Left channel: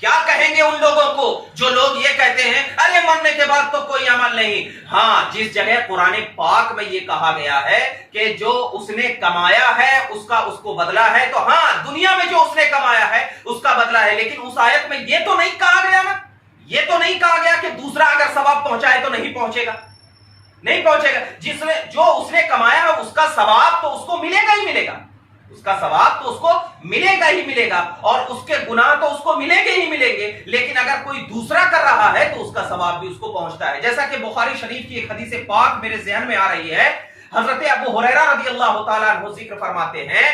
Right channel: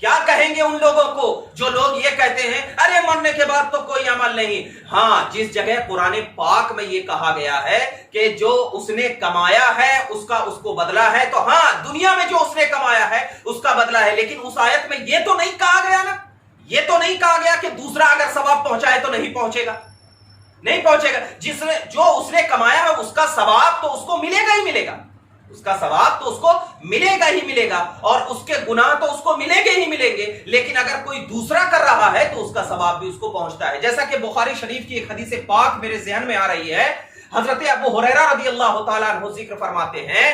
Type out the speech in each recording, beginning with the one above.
کیا کہیں گے ان لوگوں کو جو لوگ یہ کہتے ہیں ارے مرنے کے بعد تو کوئی عمل نہیں؟ ہاں، جس جگہ قرآن پاک میں یہ کہا گیا ہے کہ جو اس نے کمایا ہے اس کو بدلہ ہے، تو ہاں دنیا میں جو اس نے کمایا ہے اس کا بدلہ ہے، لیکن اس آیت میں یہ تو نہیں کہا گیا نا، یہ تو نہیں کہا گیا کہ دوسرا اگر ثواب پہنچائے تو نہیں پہنچے گا، نہیں پہنچے گا۔ جو اس نے کمایا ہے اس کا ثواب تو اس کو ملے گا ہی ملے گا، اس کا ثواب تو اس کو ملے گا ہی ملے گا، اور اس کے گناہ تو اس کو ملیں گے ہی ملیں گے، لیکن اگر کوئی دوسرا کر رہا ہے تو اس کا ثواب بھی اس کو پہنچتا ہے۔ جیسا کہ بخاری شریف کی ایک حدیث پاک میرے ذہن میں آ رہی ہے، حضرت ابو ہریرہ رضی اللہ تعالیٰ عنہ ذکر فرماتے ہیں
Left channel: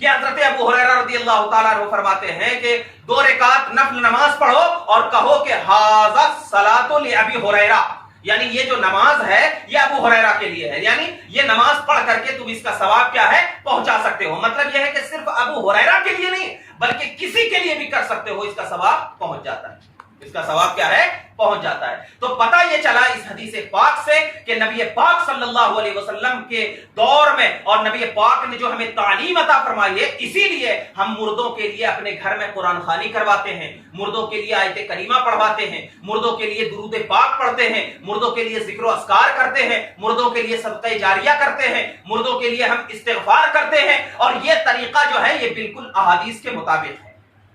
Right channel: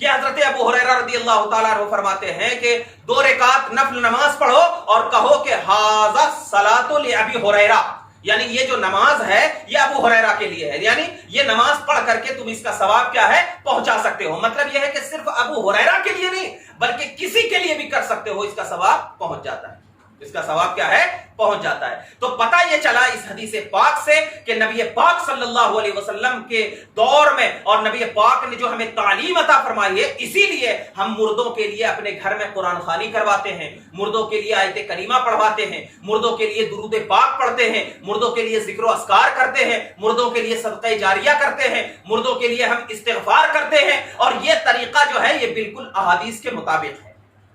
کہ حضرت ابو ہریرہ رضی اللہ تعالیٰ عنہ فرماتے ہیں کہ 2 رکعت نفل نماز پڑھو اور کہو کہ ھذا الصلاۃ لابی ہریرہ، یعنی یہ جو نماز ہے یہ ابو ہریرہ کے لیے ہے، یعنی یہ نماز پڑھ کر کے تم اس کا ثواب کیا ہے پہنچا سکتے ہو۔ مطلب یہ ہے کہ صرف ابو ہریرہ کے لیے نہیں بلکہ کسی کے لیے بھی کر سکتے ہو، اس کا ثواب پہنچ جاتا ہے، اس کا ثواب کیا ہے پہنچ جاتا ہے۔ تو پتہ یہ چلا اس حدیث پاک سے کہ نبی پاک صلی اللہ علیہ وسلم کے دور میں اور نبی پاک نے جو ہمیں تعلیم عطا فرمائی ہے، اسی لیے ہم مردوں کے لیے اپنے گھر میں قرآن خوانی کرواتے ہیں، مردوں کے لیے آیت کریمہ پڑھواتے ہیں، مردوں کے لیے درود پاک پڑھتے ہیں، مردوں کے لیے ذکر و اذکار کرتے ہیں، مردوں کے لیے صدقہ جاریہ کرتے ہیں، مردوں کے لیے ہم استغفار کرتے ہیں، اور یہ طریقہ جو ہے یہ بالکل احادیث کے مطابق ہے،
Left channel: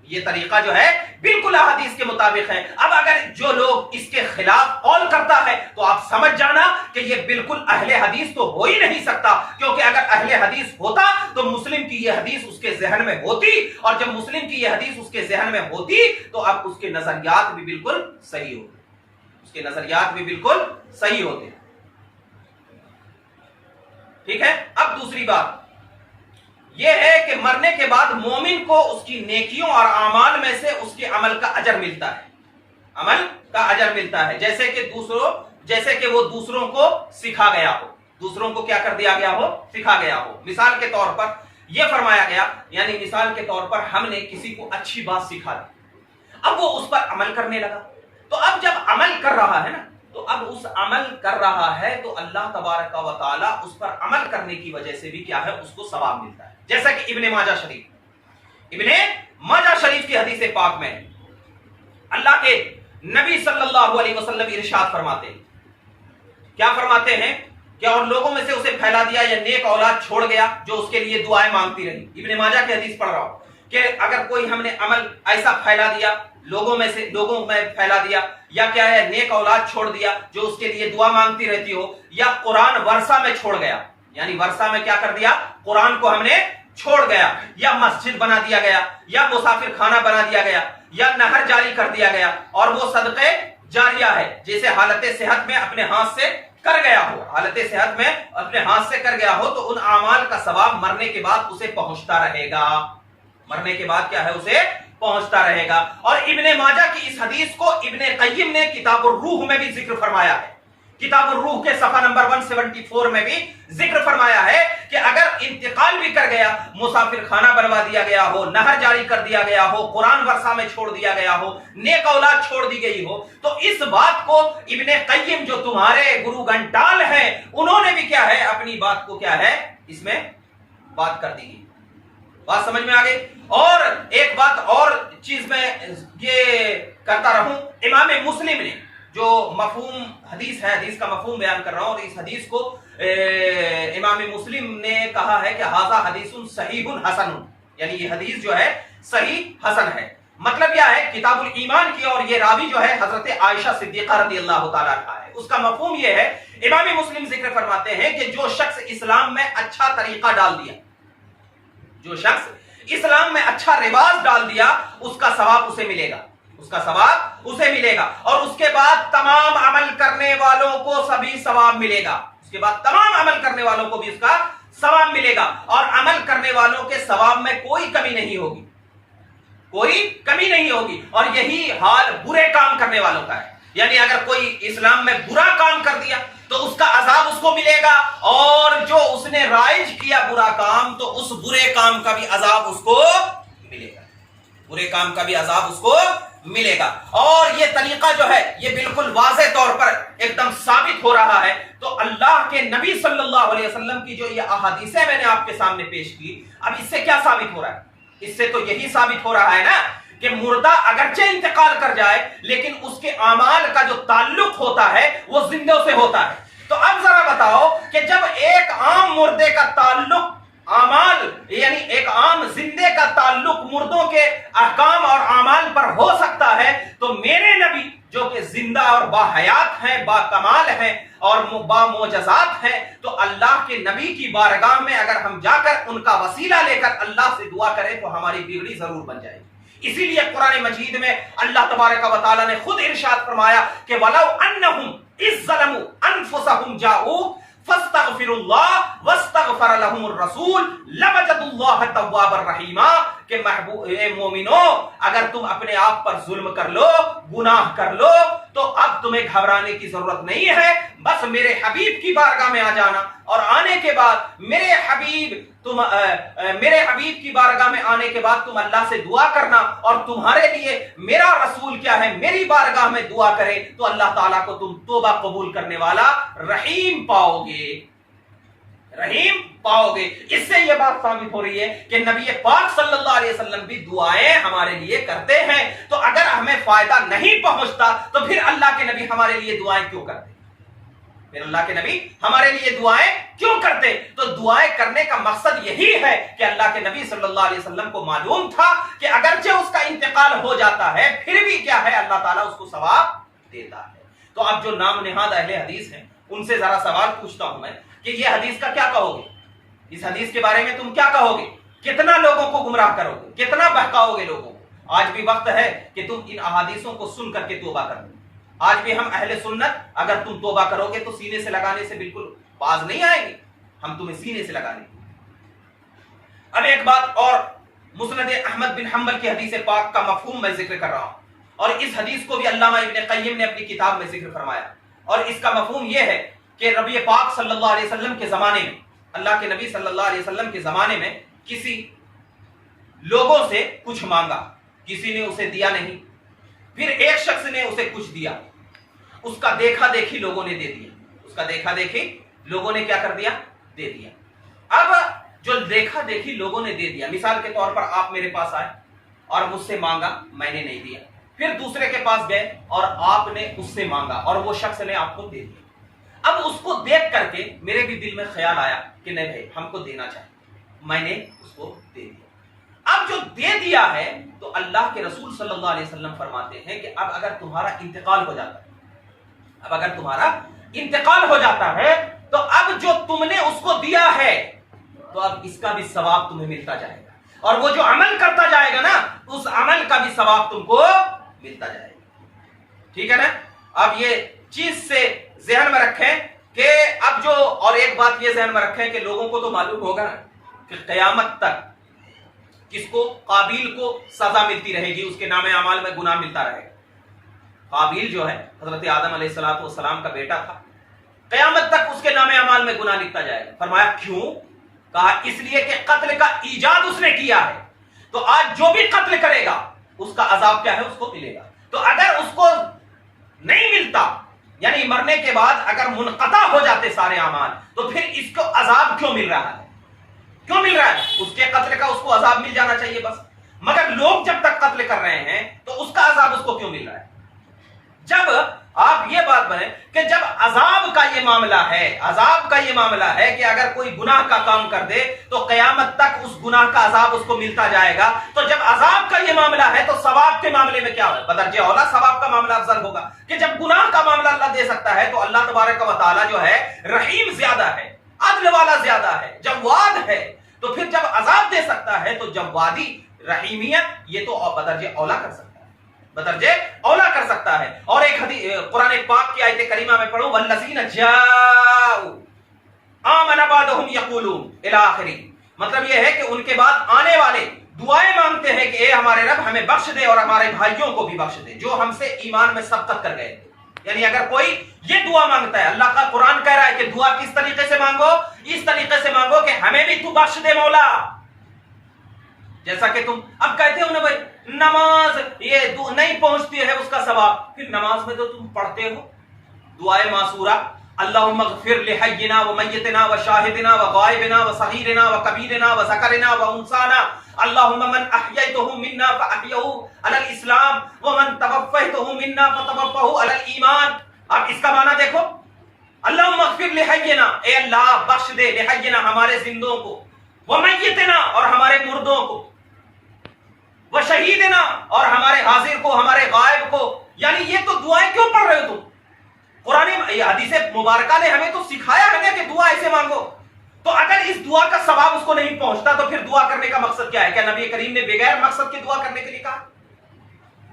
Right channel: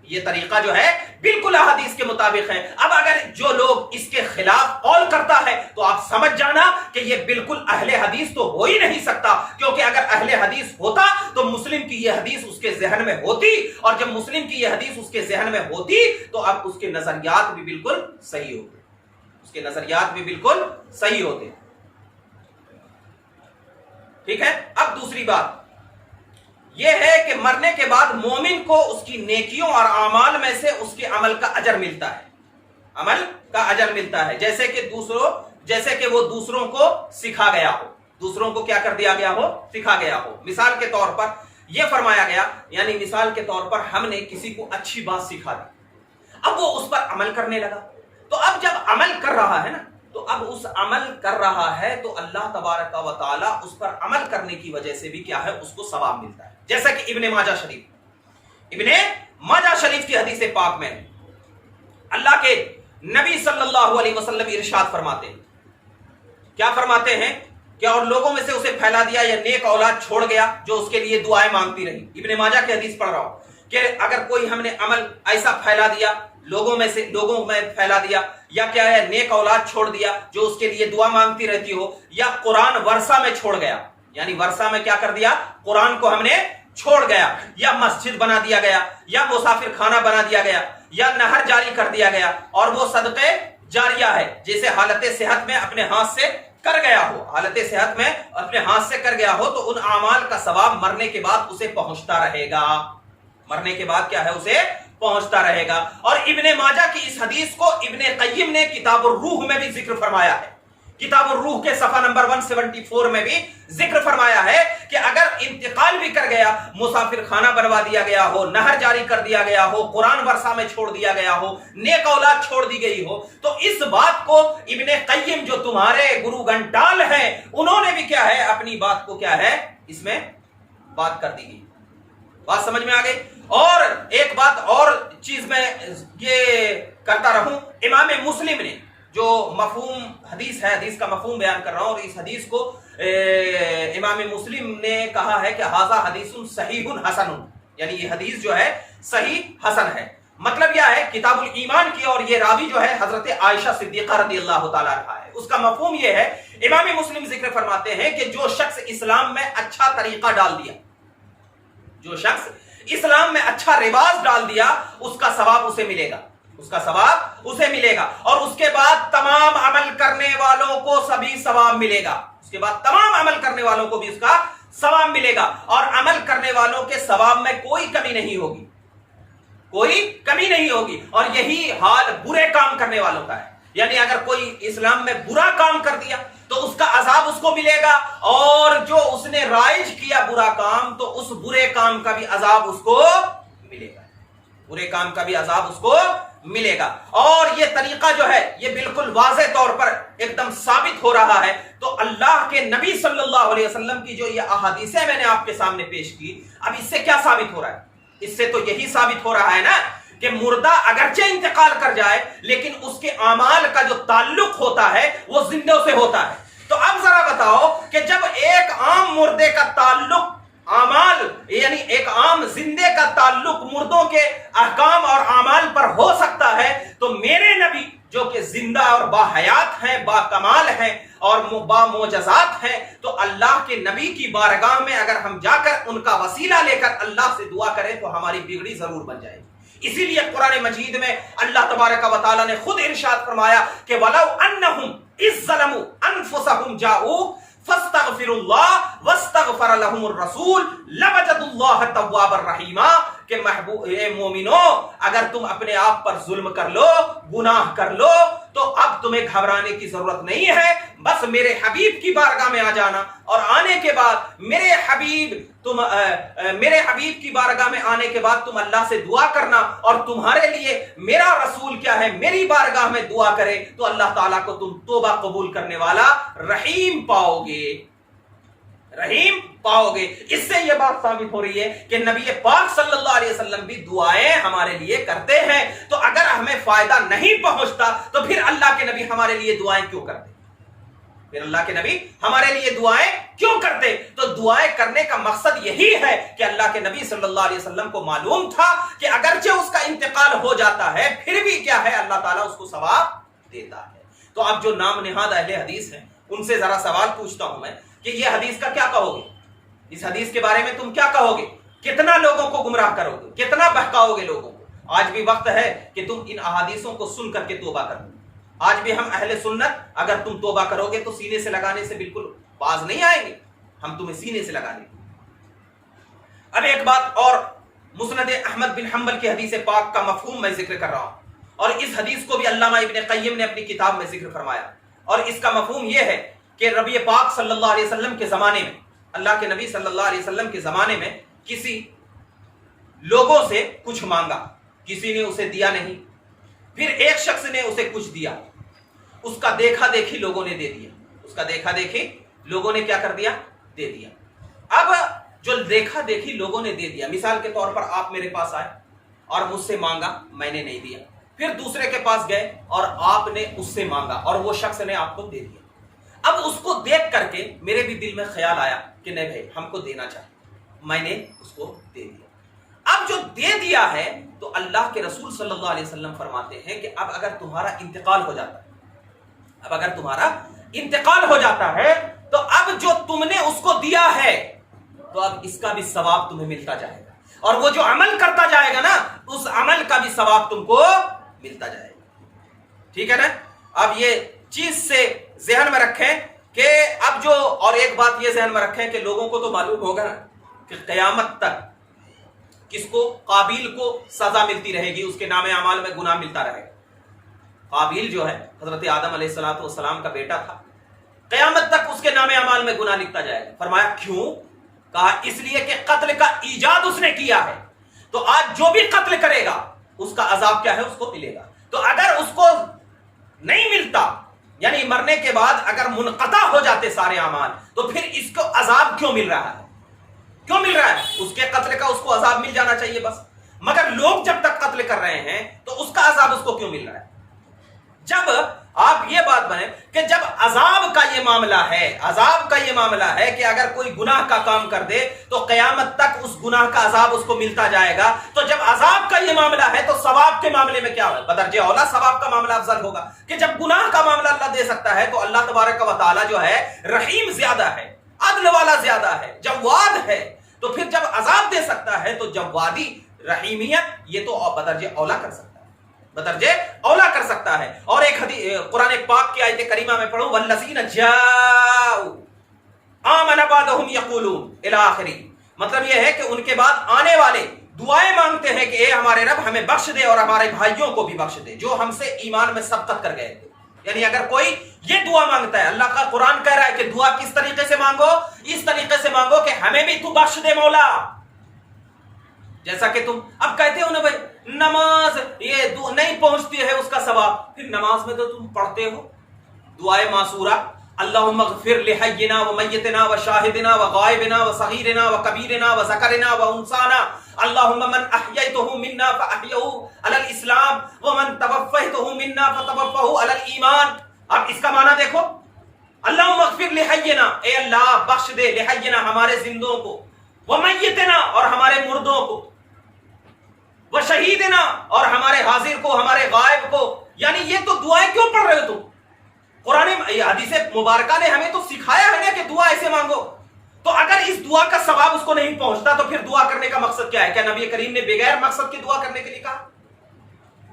یہ طریقہ جو ہے بالکل احادیث کے مطابق ہے۔ اب اگر جو لوگ اس کے خلاف قول کرتا ہے تو آپ سمجھ جانا کہ یہ بالکل اہل حدیث تو ہو ہی نہیں سکتا، کیونکہ اگر اہل حدیث ہوتا تو مسلم کی یہ حدیث اس کے ذہن میں ہوتی، اور جب مسلم کی یہ حدیث اس کے ذہن میں ہوتی تو اب اس کے نظریات بھی بالکل صحیح ہوتے، اس کے نظریات بھی بالکل صحیح ہوتے۔ ٹھیک ہے، اب دوسری بات یہ ہے کہ مرنے کے بعد مومن کو اس کی نیکیوں اور اعمال میں سے اس کے عمل کا اجر ملتا ہے، عمل کا اجر ملتا ہے، جیسے کہ وہ دوسروں کو سکھا گیا ہو، دوسروں کو کیا کر دیا گیا ہو، سکھا گیا ہو۔ مثال کے طور پر یہ فرمایا گیا، یعنی مثال کے طور پر ہم نے کسی کو اچھی بات سکھا دی، اب وہ اس پر عمل کرنے لگا، تو اب جب عمل کر رہا ہے نا، تو اب اس عمل کر رہا ہے تو اللہ تبارک و تعالی اس پر عمل کرنے کی وجہ سے بھی کیا ہے اس کو ثواب ملتا ہے۔ جیسا کہ ابن ماجہ شریف کی حدیث پاک میں اللہ کے نبی صلی اللہ علیہ وسلم ارشاد فرماتے ہیں، کیا فرماتے ہیں کہ اور لوگوں میں سے اسے پھیلا دیا یا نیک اولاد چھوڑ گیا جو اس کے لیے دعائیں مانگتی رہی۔ ابن ماجہ کی حدیث پڑھ رہا ہوں کہ اگر کوئی ہم نے عمل ایسا پھیلا دیا، لوگوں میں پھیلا دیا، یا کیا ہے نیک اولاد چھوڑ دیا جو اس کے لیے دعا مانگتی رہتی ہو، یا قرآن ورثہ میں چھوڑ گیا، یعنی ورثہ میں کیا کر دیا، قرآن کو ہم نے چھوڑ گیا، یا مسجد بنا دیا گیا، یا مسافر خانہ بنا دیا گیا، یا نہر جاری کر دیا گیا، اور وہ صدقے جاریہ ہے، جیسے حالت صحت میں اپنے ہاتھ سے کر گیا ہو، حالت صحت میں اپنے ہاتھ سے کر گیا ہو، تو ان اعمال کا ثواب مرنے کے بعد اسے پہنچتا رہے گا، مرنے کے بعد کیا ہے اسے پہنچتا رہے گا۔ اور ابن ماجہ کی اس حدیث کو ابن قیم نے کتاب الروح میں بھی ذکر فرمایا ہے، کتاب الروح کے صفحہ نمبر 174 میں بھی ذکر فرمایا ہے کہ اگر انتقال بھی کر گیا، مسافر خانہ بنوا دیا گیا ہو، نہر جاری کر دیا گیا ہو، قرآن ورثہ میں چھوڑ دیا گیا ہو، نیک اولاد چھوڑ دی گئی ہو، تو اس بات کو ابن قیم جو تمہارے گرو گھنٹال ہیں انہوں نے بھی کیا ہے اپنی بات کو کیا ہے اس میں بات کر دی گئی۔ بات سمجھ میں آ گئی؟ اور ایک بات اور چیز میں یہ کرتا رہوں، امام مسلم نے جو مفہوم حدیث ہے، حدیث کا مفہوم بیان کر رہا ہوں، اور اس حدیث کو امام مسلم نے کہا ہے کہ ھذا حدیث صحیح حسن، یعنی یہ حدیث جو ہے صحیح حسن ہے۔ مطلب کیا ہے، کتاب الایمان کی، اور یہ راوی جو ہے حضرت عائشہ صدیقہ رضی اللہ تعالیٰ عنہا ہے۔ اس کا مفہوم یہ ہے، امام مسلم ذکر فرماتے ہیں کہ جو شخص اسلام میں اچھا طریقہ ڈال دیا، جو شخص اسلام میں اچھا رواج ڈال دیا، اس کا ثواب اسے ملے گا، اس کا ثواب اسے ملے گا، اور اس کے بعد تمام عمل کرنے والوں کو سبھی ثواب ملے گا، اس کے بعد تمام عمل کرنے والوں کو بھی اس کا ثواب ملے گا، اور عمل کرنے والوں کے ثواب میں کوئی کمی نہیں ہوگی، کوئی کمی نہیں ہوگی۔ اور یہی حال برے کام کرنے والوں کا ہے، یعنی اگر کوئی اسلام میں برا کام کر دیا تو اس کا عذاب اس کو ملے گا، اور جو اس نے رائج کیا برا کام تو اس برے کام کا بھی عذاب اس کو ملے گا، برے کام کا بھی عذاب اس کو ملے گا۔ اور یہ طریقہ جو ہے یہ بالکل واضح طور پر ایک دم ثابت ہو رہا ہے۔ تو اللہ کے نبی صلی اللہ علیہ وسلم کی جو یہ احادیثیں میں نے آپ کے سامنے پیش کی، اب اس سے کیا ثابت ہو رہا ہے؟ اس سے تو یہی ثابت ہو رہا ہے نا کہ مردہ اگرچہ انتقال کر جائے لیکن اس کے اعمال کا جو تعلق ہوتا ہے وہ زندوں سے ہوتا ہے. تو اب ذرا بتاؤ کہ جب ایک عام مردے کا تعلق اعمال یعنی ایک عام زندے کا تعلق مردوں کے احکام اور اعمال پر ہو سکتا ہے تو میرے نبی جو کہ زندہ اور با حیات ہیں, با کمال ہیں اور با معجزات ہیں, تو اللہ کے نبی کی بارگاہ میں اگر ہم جا کر ان کا وسیلہ لے کر اللہ سے دعا کریں تو ہماری بگڑی ضرور بن جائے گی. اسی لیے قرآن مجید میں اللہ تبارک و تعالی نے خود ارشاد فرمایا کہ وَلَوْ أَنَّهُمْ إِذْ ظَلَمُوا أَنفُسَهُمْ جَاءُوكَ فَاسْتَغْفِرُوا اللَّهَ وَاسْتَغْفَرَ لَهُمُ الرَّسُولُ لَوَجَدُوا اللَّهَ تَوَّابًا رَحِيمًا کہ محبوب مومنو اگر تم اپنے آپ پر ظلم کر لو, گناہ کر لو, تو اب تمہیں گھبرانے کی ضرورت نہیں ہے. بس میرے حبیب کی بارگاہ میں آ جانا اور آنے کے بعد میرے حبیب کی بارگاہ میں آنے کے بعد تم اللہ سے دعا کرنا اور تمہارے لیے میرا رسول کیا ہے میری بارگاہ میں دعا کرے تو اللہ تعالیٰ کو تم توبہ قبول کرنے والا رحیم پاؤ گے, رحیم پاؤ گے. اس سے یہ بات ثابت ہو رہی ہے کہ نبی پاک صلی اللہ علیہ وسلم بھی دعائیں ہمارے لیے کرتے ہیں. تو اگر ہمیں فائدہ نہیں پہنچتا تو پھر اللہ کے نبی ہمارے لیے دعائیں کیوں کرتے؟ پھر اللہ کے نبی ہمارے لیے دعائیں کیوں کرتے؟ تو دعائیں کرنے کا مقصد یہی ہے کہ اللہ کے نبی صلی اللہ علیہ وسلم کو معلوم تھا کہ اگرچہ اس کا انتقال ہو جاتا ہے پھر بھی کیا ہے اللہ تعالیٰ اس کو ثواب دیتا ہے. تو اب جو نام نہاد اہل حدیث ہیں ان سے ذرا سوال پوچھتا ہوں میں کہ یہ حدیث کا کیا کہو گے؟ اس حدیث کے بارے میں تم کیا کہو گے؟ کتنا لوگوں کو گمراہ کرو گے, کتنا بہکاؤ گے لوگوں کو؟ آج بھی وقت ہے کہ تم ان احادیثوں کو سن کر کے توبہ کرو. آج بھی ہم اہل سنت اگر تم توبہ کرو گے تو سینے سے لگانے سے بالکل باز نہیں آئے گی, ہم تمہیں سینے سے لگا لیں گے. اب ایک بات اور, مسند احمد بن حنبل کی حدیث پاک کا مفہوم میں ذکر کر رہا ہوں اور اس حدیث کو بھی علامہ ابن قیم نے اپنی کتاب میں ذکر فرمایا اور اس کا مفہوم یہ ہے کہ نبی پاک صلی اللہ علیہ وسلم کے زمانے میں, اللہ کے نبی صلی اللہ علیہ وسلم کے زمانے میں کسی لوگوں سے کچھ مانگا, کسی نے اسے دیا نہیں, پھر ایک شخص نے اسے کچھ دیا, اس کا دیکھا دیکھی لوگوں نے دے دیا, اس کا دیکھا دیکھی لوگوں نے کیا کر دیا؟ دے دیا. اب جو دیکھا دیکھی لوگوں نے دے دیا, مثال کے طور پر آپ میرے پاس آئے اور مجھ سے مانگا, میں نے نہیں دیا, پھر دوسرے کے پاس گئے اور آپ نے اس سے مانگا اور وہ شخص نے آپ کو دے دیا. اب اس کو دیکھ کر کے میرے بھی دل میں خیال آیا کہ نہیں بھائی ہم کو دینا چاہیے, میں نے اس کو دے دیا. اب جو دے دیا ہے تو اللہ کے رسول صلی اللہ علیہ وسلم فرماتے ہیں کہ اب اگر تمہارا انتقال ہو جاتا ہے, اب اگر تمہارا انتقال ہو جاتا ہے تو اب جو تم نے اس کو دیا ہے تو اب اس کا بھی ثواب تمہیں ملتا جائے گا اور وہ جو عمل کرتا جائے گا نا اس عمل کا بھی ثواب تم کو ملتا جائے گا. ٹھیک ہے نا؟ اب یہ چیز سے ذہن میں رکھیں کہ اب جو, اور ایک بات یہ ذہن میں رکھیں کہ لوگوں کو تو معلوم ہوگا نا کہ قیامت تک کس کو؟ قابیل کو سزا ملتی رہے گی, اس کے نام اعمال میں گناہ ملتا رہے گا. قابیل جو ہے حضرت آدم علیہ السلام کا بیٹا تھا, قیامت تک اس کے نام اعمال میں گناہ لکھتا جائے گا. فرمایا کیوں؟ کہا اس لیے کہ قتل کا ایجاد اس نے کیا ہے, تو آج جو بھی قتل کرے گا اس کا عذاب کیا ہے؟ اس کو ملے گا. تو اگر اس کو نہیں ملتا یعنی مرنے کے بعد اگر منقطع ہو جاتے سارے اعمال تو پھر اس کو عذاب کیوں مل رہا ہے؟ کیوں مل رہا ہے؟ اس کے قتل کا اس کو عذاب مل جانا چاہیے بس, مگر لوگ جب تک قتل کر رہے ہیں تو اس کا عذاب اس کو کیوں مل رہا ہے؟ جب آپ یہ بات بنے کہ جب عذاب کا یہ معاملہ ہے, عذاب کا یہ معاملہ ہے کہ اگر کوئی گناہ کا کام کر دے تو قیامت تک اس گناہ کا عذاب اس کو ملتا جائے گا, تو جب عذاب کا یہ معاملہ ہے تو ثواب کے معاملے میں کیا ہوگا؟ بدرجہ اولا ثواب کا معاملہ افضل ہوگا کہ جب گناہ کا معاملہ اللہ دے سکتا ہے تو اللہ تبارک و تعالی جو ہے رحیم زیادہ ہے, عدل والا زیادہ ہے, جواد ہے, تو پھر جب عذاب دے سکتا ہے تو جوادی رحیمیت یہ تو بدرجہ اولا کر سکتا ہے, بدرجہ اولا کر سکتا ہے. اور ایک حدیث قرآن پاک کی آیت کریمہ میں پڑھو والذین جاؤ آمن بعدهم یقولون الی آخری, مطلب یہ ہے کہ ان کے بعد آنے والے دعائیں مانگتے ہیں کہ اے ہمارے رب ہمیں بخش دے اور ہمارے بھائیوں کو بھی بخش دے جو ہم سے ایمان میں سبقت کر گئے تھے. یعنی اگر کوئی یہ دعا مانگتا ہے, اللہ کا قرآن کہہ رہا ہے کہ دعا کس طریقے سے مانگو, اس طریقے سے مانگو کہ ہمیں بھی تو بخش دے مولا. جیسا کہ تم اب کہتے ہو نا بھائی نماز یہ نہیں پہنچتی ہے اس کا ثواب, پھر نماز میں تو تم پڑھتے ہو دعائے معصورہ, اللهم اغفر لحينا وميتنا وشاهدنا وغائبنا وصغيرنا وكبيرنا وذكرنا وانثانا اللهم من احييته منا فاحيه على الاسلام ومن توفيته منا فتوفه على الايمان. اب اس کا معنی دیکھو، اللهم اغفر لحينا، اے اللہ بخش دے، لحينا ہمارے زندوں کو، ومیتنا اور ہمارے مردوں کو، وشہیدنا اور ہمارے حاضر کو، ہمارے غائب کو. یعنی یہ تو دعائیں کیوں پڑھ رہے ہو تم؟ قرآن حدیث مبارکہ نے ہمیں تو سکھایا ہے نا کہ دعا ایسے مانگو. تو اگر اس دعا کا ثواب اس کو نہیں پہنچتا تو پھر دعا کرنے کا مقصد کیا ہے؟ کیا نبی کریم نے بغیر مقصد کے دعا کرنے کے لیے کہا؟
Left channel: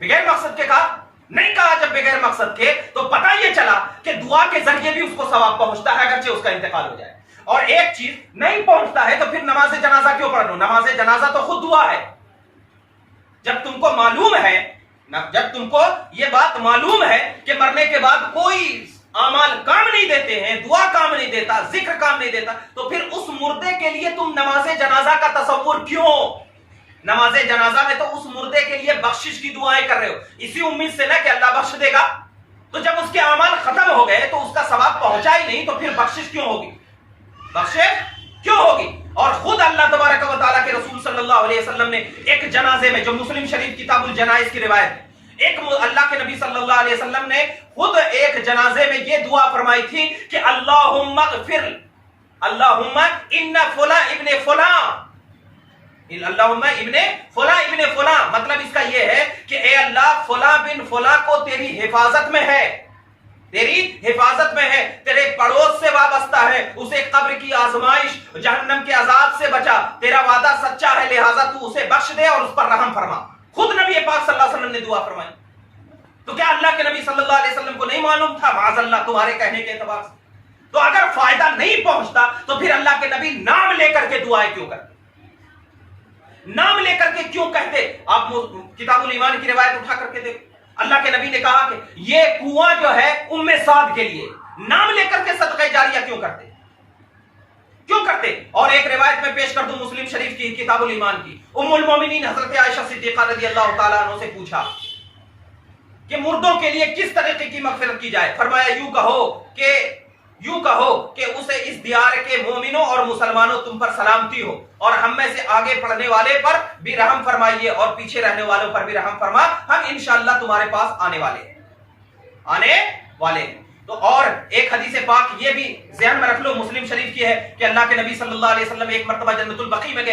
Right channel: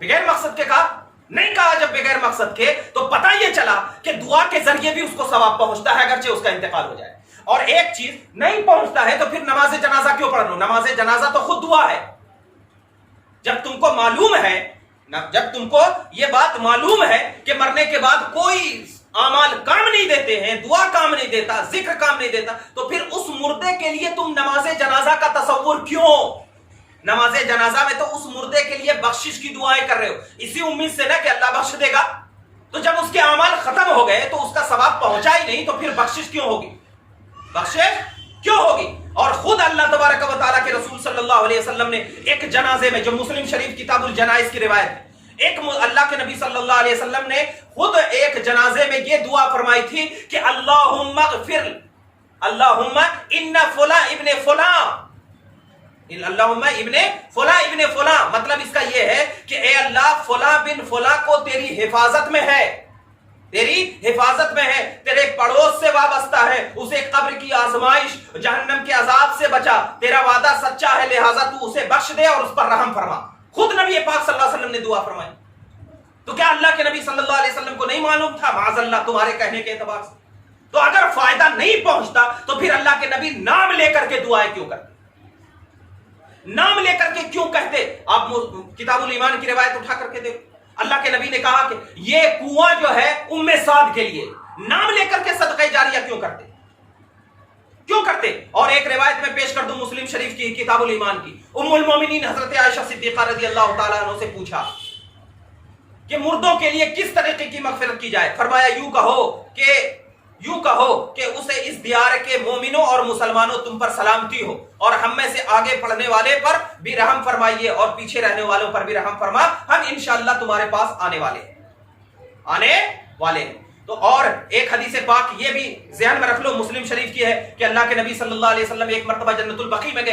بغیر مقصد کے کہا؟ نہیں کہا. جب بغیر مقصد کے تو پتہ یہ چلا کہ دعا کے ذریعے بھی اس کو ثواب پہنچتا ہے اگرچہ اس کا انتقال ہو جائے. اور ایک چیز نہیں پہنچتا ہے تو پھر نماز جنازہ کیوں پڑھ لو؟ نماز جنازہ تو خود دعا ہے. جب تم کو معلوم ہے، جب تم کو یہ بات معلوم ہے کہ مرنے کے بعد کوئی اعمال کام نہیں دیتے ہیں، دعا کام نہیں دیتا، ذکر کام نہیں دیتا، تو پھر اس مردے کے لیے تم نماز جنازہ کا تصور کیوں؟ نماز جنازہ میں تو اس مردے کے لیے بخشش کی دعائیں کر رہے ہو، اسی امید سے نہ کہ اللہ بخش دے گا. تو جب اس کے اعمال ختم ہو گئے تو اس کا ثواب پہنچا ہی نہیں، تو پھر بخشش کیوں ہوگی؟ بخشش کیوں ہوگی؟ اور خود اللہ تبارک و تعالیٰ کے رسول صلی اللہ علیہ وسلم نے ایک جنازے میں، جو مسلم شریف کتاب الجنائز کی روایت، ایک اللہ کے نبی صلی اللہ علیہ وسلم نے خود ایک جنازے میں یہ دعا فرمائی تھی کہ اللہم اغفر، اللہم ان فلاں ابن فلاں، اللہم ابن فلاں ابن فلاں. مطلب اس کا یہ ہے کہ اے اللہ فلاں بن فلاں کو تیری حفاظت میں ہے، تیری حفاظت میں ہے، تیرے پڑوس سے وابستہ ہے، اسے قبر کی آزمائش، جہنم کے عذاب سے بچا، تیرا وعدہ سچا ہے، لہذا تو اسے بخش دے اور اس پر رحم فرما. خود نبی پاک صلی اللہ علیہ وسلم نے دعا فرمائی. تو کیا اللہ کے نبی صلی اللہ علیہ وسلم کو نہیں معلوم تھا؟ معاذ اللہ تمہارے کہنے کے اعتبار سے. تو اگر فائدہ نہیں پہنچتا تو پھر اللہ کے نبی نام لے کر کے دعائیں کیوں کرتے؟ نام لے کر کے کیوں کہتے؟ آپ کتاب الایمان کی روایت اٹھا کر کے دیکھو، اللہ کے نبی نے کہا کہ یہ کنواں جو ہے ام سعد کے لیے، نام لے کر کے صدقہ جاریہ کیوں کرتے؟ کیوں کرتے؟ اور ایک روایت میں پیش کر دوں مسلم شریف کی کتاب الایمان کی. ام المومنین حضرت عائشہ صدیقہ رضی اللہ تعالیٰ عنہ سے پوچھا کہ مردوں کے لیے کس طریقے کی مغفرت کی جائے. فرمایا یوں کہو کہ اسے اس دیار کے مومنوں اور مسلمانوں تم پر سلامتی ہو، اور ہم میں سے آگے پڑھنے والے پر بھی رحم فرمائیے اور پیچھے رہنے والوں پر بھی رحم فرما، ہم انشاءاللہ تمہارے پاس آنے والے ہیں. تو اور ایک حدیث پاک یہ بھی ذہن میں رکھ لو، مسلم شریف کی ہے کہ اللہ کے نبی صلی اللہ علیہ وسلم ایک مرتبہ جنت البقیع میں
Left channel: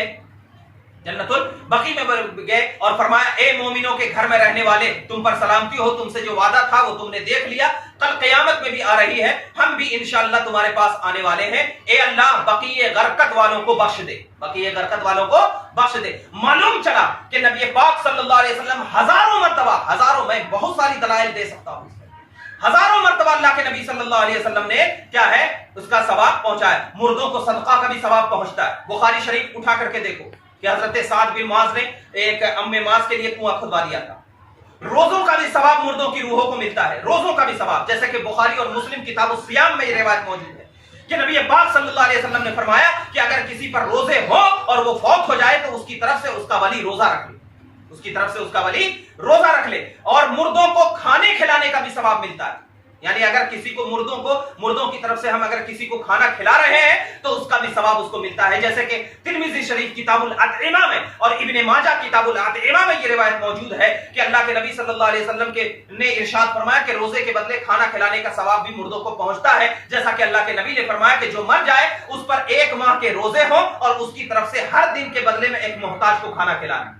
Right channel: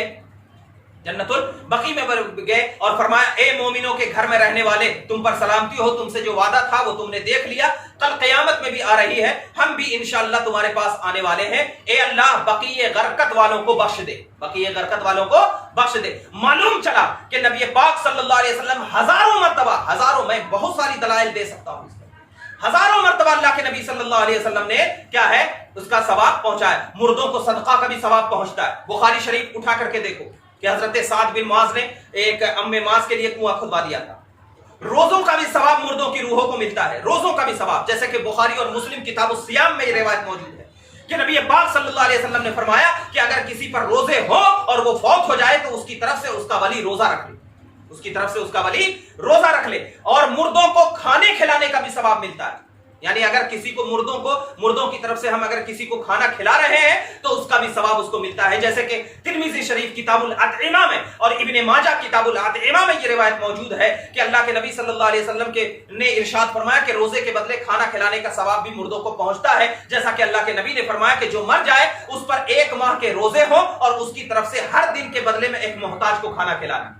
گئے اور فرمایا اے مومنوں کے گھر میں رہنے والے، تم پر سلامتی ہو، تم سے جو وعدہ تھا وہ تم نے دیکھ لیا، کل قیامت میں بھی آ رہی ہے، ہم بھی انشاءاللہ تمہارے پاس آنے والے ہیں، اے اللہ بقیع غرقت والوں کو بخش دے. معلوم چلا کہ نبی پاک صلی اللہ علیہ وسلم ہزاروں مرتبہ، میں بہت ساری دلائل دے سکتا ہوں، ہزاروں مرتبہ اللہ کے نبی صلی اللہ علیہ وسلم نے کیا ہے اس کا ثواب پہنچایا. مردوں کو صدقہ کا بھی ثواب پہنچتا ہے. بخاری شریف اٹھا کر کے دیکھو کہ حضرت سعد بن معاذ نے ایک ام معاذ کے لیے کنواں کھدوا دیا تھا. روزوں کا بھی ثواب مردوں کی روحوں کو ملتا ہے، روزوں کا بھی ثواب، جیسے کہ بخاری اور مسلم کتاب الصیام میں یہ روایت موجود ہے کہ نبی پاک صلی اللہ علیہ وسلم نے فرمایا کہ اگر کسی پر روزے ہو اور وہ فوت ہو جائے تو اس کی طرف سے اس کا ولی روزہ رکھ لے، اور مردوں کو کھانے کھلانے کا بھی ثواب ملتا ہے. یعنی اگر کسی کو مردوں کی طرف سے ہم اگر کسی کو کھانا کھلا رہے ہیں تو اس کا بھی ثواب اس کو ملتا ہے. جیسے کہ ترمذی شریف کتاب الاطعمہ میں اور ابن ماجہ کتاب الاطعمہ میں یہ روایت موجود ہے کہ اللہ کے نبی صلی اللہ علیہ وسلم نے ارشاد فرمایا کہ روزے کے بدلے کھانا کھلانے کا ثواب بھی مردوں کو پہنچتا ہے. جیسا کہ اللہ کے نبی نے فرمایا کہ جو مر جائے اس پر 1 ماہ کے روزے ہوں اور اس کی طرف سے ہر دن کے بدلے میں ایک محتاج کو کھانا کھلانا.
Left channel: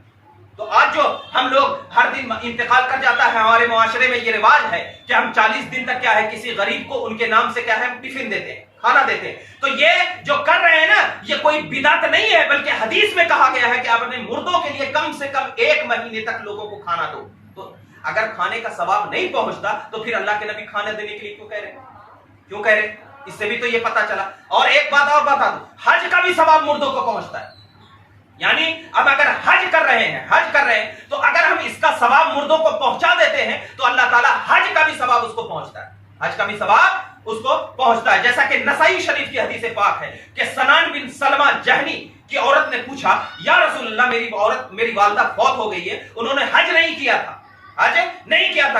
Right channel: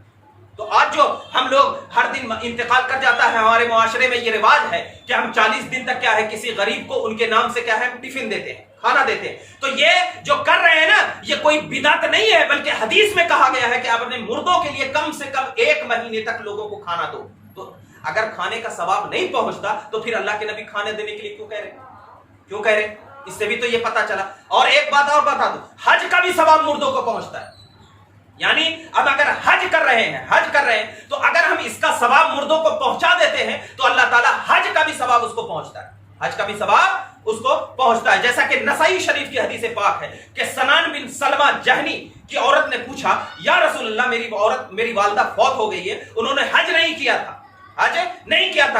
تو آج جو ہم لوگ ہر دن انتقال کر جاتا ہے، ہمارے معاشرے میں یہ رواج ہے کہ ہم 40 دن تک کیا ہے کسی غریب کو ان کے نام سے کیا ہے ہم ٹفن دیتے ہیں، کھانا دیتے ہیں. تو یہ جو کر رہے ہیں نا، یہ کوئی بدعت نہیں ہے، بلکہ حدیث میں کہا گیا ہے کہ آپ اپنے مردوں کے لیے کم سے کم 1 مہینے تک لوگوں کو کھانا دو. تو اگر کھانے کا ثواب نہیں پہنچتا تو پھر اللہ کے نبی کھانا دینے کے لیے کیوں کہہ رہے؟ اس سے بھی تو یہ پتا چلا. اور ایک بات اور بتا دوں، حج کا بھی ثواب مردوں کو پہنچتا ہے. یعنی اب اگر حج کر رہے ہیں تو اگر ہم اس کا ثواب مردوں کو پہنچا دیتے ہیں تو اللہ تعالیٰ حج کا بھی ثواب اس کو پہنچتا ہے. جیسا کہ نسائی شریف کی حدیث پاک ہے کہ سنان بن سلمہ جہنی کی عورت نے پوچھا یا رسول اللہ میری والدہ فوت ہو گئی ہے، انہوں نے حج نہیں کیا تھا،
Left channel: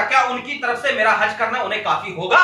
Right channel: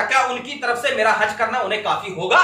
کیا ان کی طرف سے میرا حج کرنا انہیں کافی ہوگا؟